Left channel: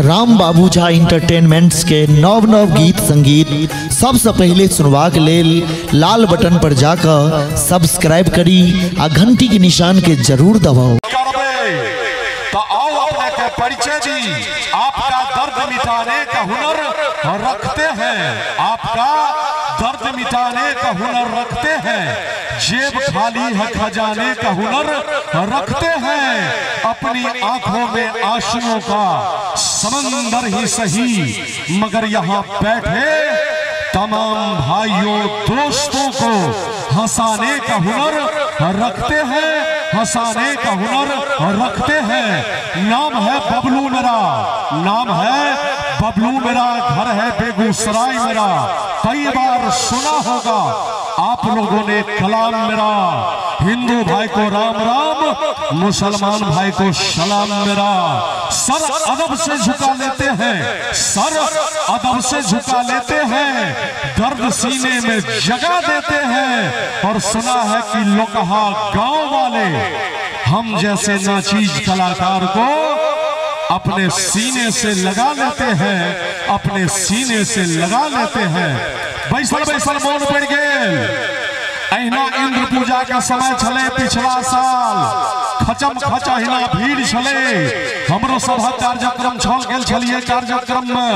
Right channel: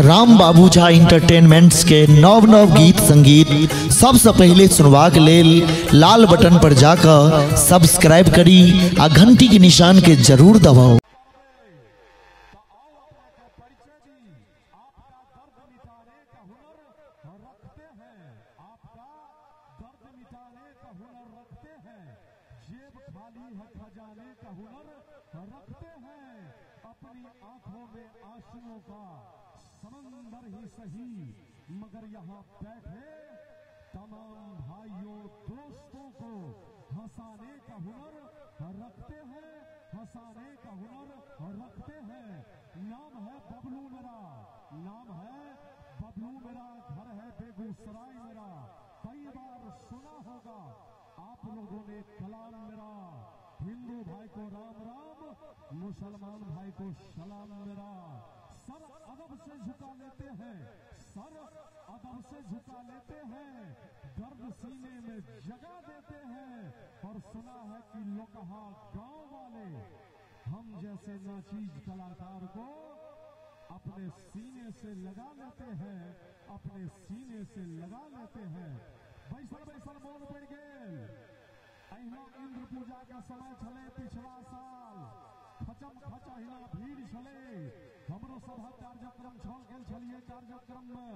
राम बाबू Jha entertainments के नव नव गीत संगीत सबसे पहले सुनवाक लेल लाल बटन पर जाकर सब्सक्राइब करी आ घंटी के निशान के जरूर दबाओ। तो आओ अपने के परिचय दी। आपका दर्द मिटाने का हुनर रखते हैं, आपका दर्द मिटाने का हुनर रखते हैं, जेब खाली है खजाने का हुनर रखते हैं, अपनी आंखों में आंसुओं का समंदर ही सही मगर यहाँ बैठे तमाम भाइयों दोस्तों को हंसाने का हुनर रखते हैं, हंसाने का हुनर रखते हैं। नाम है बबलू मेरा, नाम है बबलू मेरा, घर है बेगूसराय मेरा। कई बार सुना होगा आप लोगों ने कलाम मेरा, हिंदू भाई को राम राम, मुसलमान भाई को सलाम मेरा। सर अदब से झुका लेते हैं, सर अदब से झुका लेते हैं, दर्द सीने में जगा देते हैं। और सुना है कि लोकहा गांव वाले हम जैसे नाचीज कलाकार को अपने सीने से लगा लेते हैं, अपने सीने से लगा लेते हैं। बैसल बैसल मौन पड़ गए। अहिना इंद्र पूजा का समय चले पिछला साल, खचम खचहिना भीड़ चले। हमरो सभा कार्यक्रम छल गेल छलिए, कार्यक्रम में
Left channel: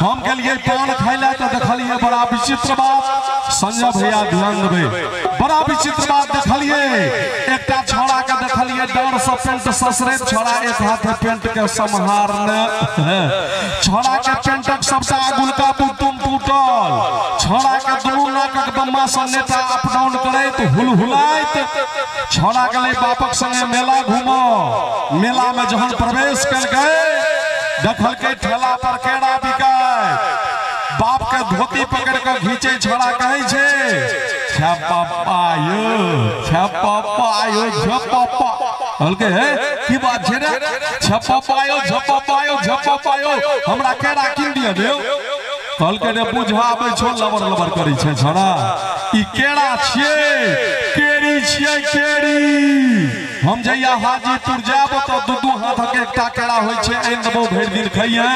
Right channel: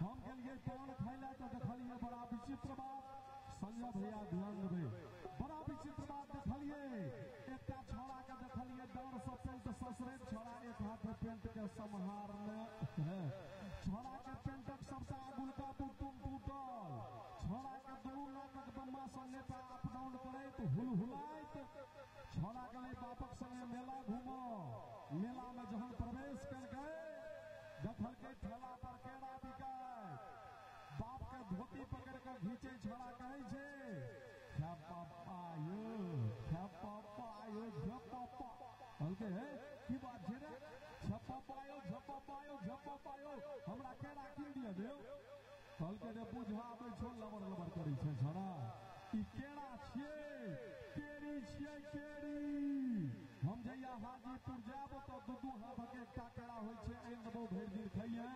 हम गेलिए पान खाइले तो देखलिए बड़ा विचित्र बात। संजय भैया ध्यान देबे, बड़ा विचित्र बात देखलिए। एकटा छोड़ा के देखलिए डर से पेंट ससरे, छोड़ा एक हाथ पेंट के संहारने, छोड़ा के पेंटक सबटा गुलका बुतुम टूटल, छोड़ा के दुनू नाकक बम्मा से नेता अप डाउन करैत हुलहुलाइत। छोड़ा गले बापक संगे मेला घूमो, मेला में जहन प्रवेश कर गए देखल के ठेला पर केरा बिकाय, बाप के धोती पकड़ के घीचे। छोड़ा कहे छे छपापायो छपापायो छपापा, हल्के है की बात छे रे, छपापायो छपापायो छपापायो, हमरा केरा किन दिया देव। हल्के ने बुझाबे छो लबर लबर करी छे। छोड़ा ई केरा छिए, केरी छिए केरी। हम जइया हाजीपुर जाब तो दू हाथ के एकटा केरा होय छे, एन दबो भर दिन खइए।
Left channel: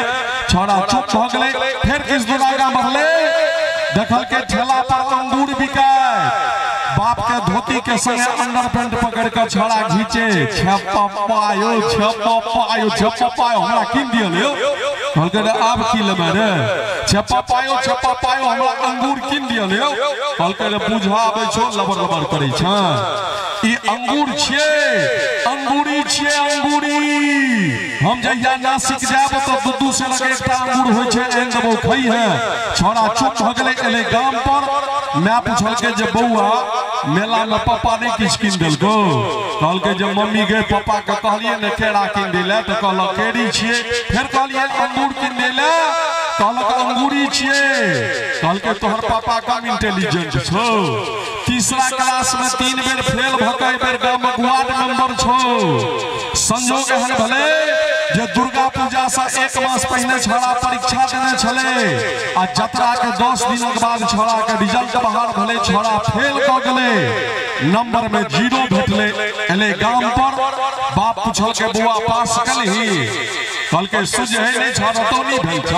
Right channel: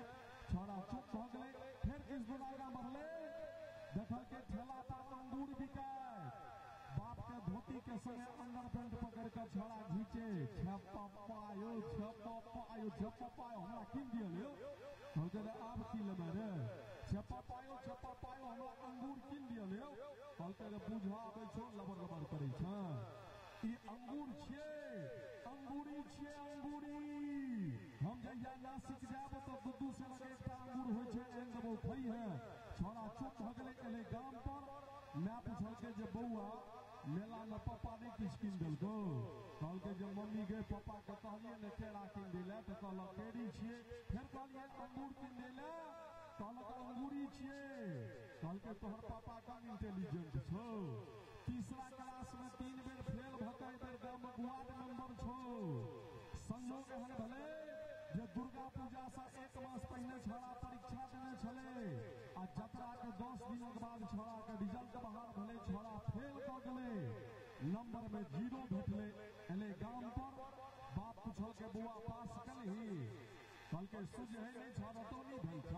छोड़ा चुप भ गेले, फिर किस दुरागा बढ़ले, देखल के ठेला पर अंगूर बिकाय, बाप के धोती के संगे अंडर पैंट पकड़ के छोड़ा घीचे। छपापायो छपापायो छपापायो, हमरा किन दियो लियो। हल्के ने आप की लेबे रे, छपापायो छपापायो, हमरा अंगूर किन दियो लियो। हल्के ने बुझाबे छो लबर लबर करै छ। ई अंगूर छिए, अंगूरी छिए अंगूरी। हम जइया नासिक जाब तो दू से लगे एकटा अंगूर होय छे, एन दबो खई है। छोड़ा चुप भ गेले, एले गाम पर। मैं पूछल के जे बौआ मेला में पापा ने किछ किन देलको, कहल के जे मम्मी गए पापा के कहलिए ने केरा किन देले, तो कहल केरी छिए। फिर कहलिए अंगूर किन देले, कहल अंगूरी छिए। कहल के तोहर पापा कम इंटेलिजेंट छो, तीसरा क्लास में 3 बेर फेल भकै, बेर गाम वार्ड नंबर छो। संजोग एहन भले जे दुर्गा पूजा से 1 मास पहले छोड़ा परीक्षा देने छले, आ जतरा के 10 दिनक बाद छोड़ा के रिजल्ट बाहर भले, छोड़ा फेल क गेले, नंबर में 0 भेटले। एले गाम पर, बाप पूछल के बुआ पास कलही, कहल के सुझे नहीं छोड़ा तो नहीं भेल छ।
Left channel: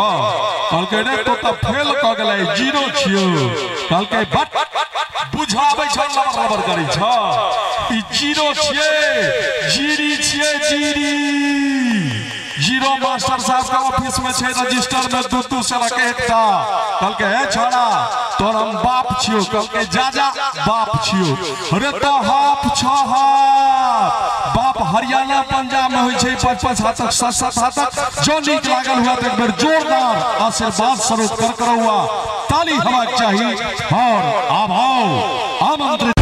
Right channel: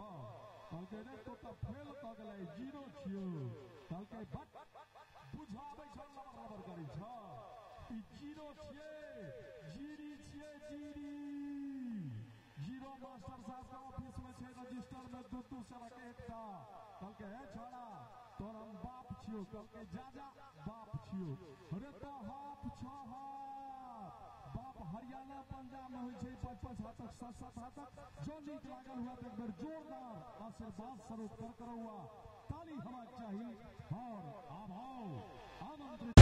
कहल के रे तो त फेल क गेले, 0 छियो। कहल के बट बुझाबै छ लबर लबर करै छ। ई 0 छिए, जीरी छिए जीरी। 0 मास्टर साहब का ऑफिस में छे, रजिस्टर में दू से रखे एकटा। कहल के हे छोड़ा तोर हम बाप छियो। कहल के जा जा बाप छियो। अरे तो हाफ छ हाफ, बाप हरियाणा पंजाब में होय छे 5-5 हाथक 7-7 हाथक। जो नीक लागल हुआ तो एक बार जोरदार आशीर्वाद स्वरूप कर हुआ ताली हवा चाहिए और आभाव आमंत्रित।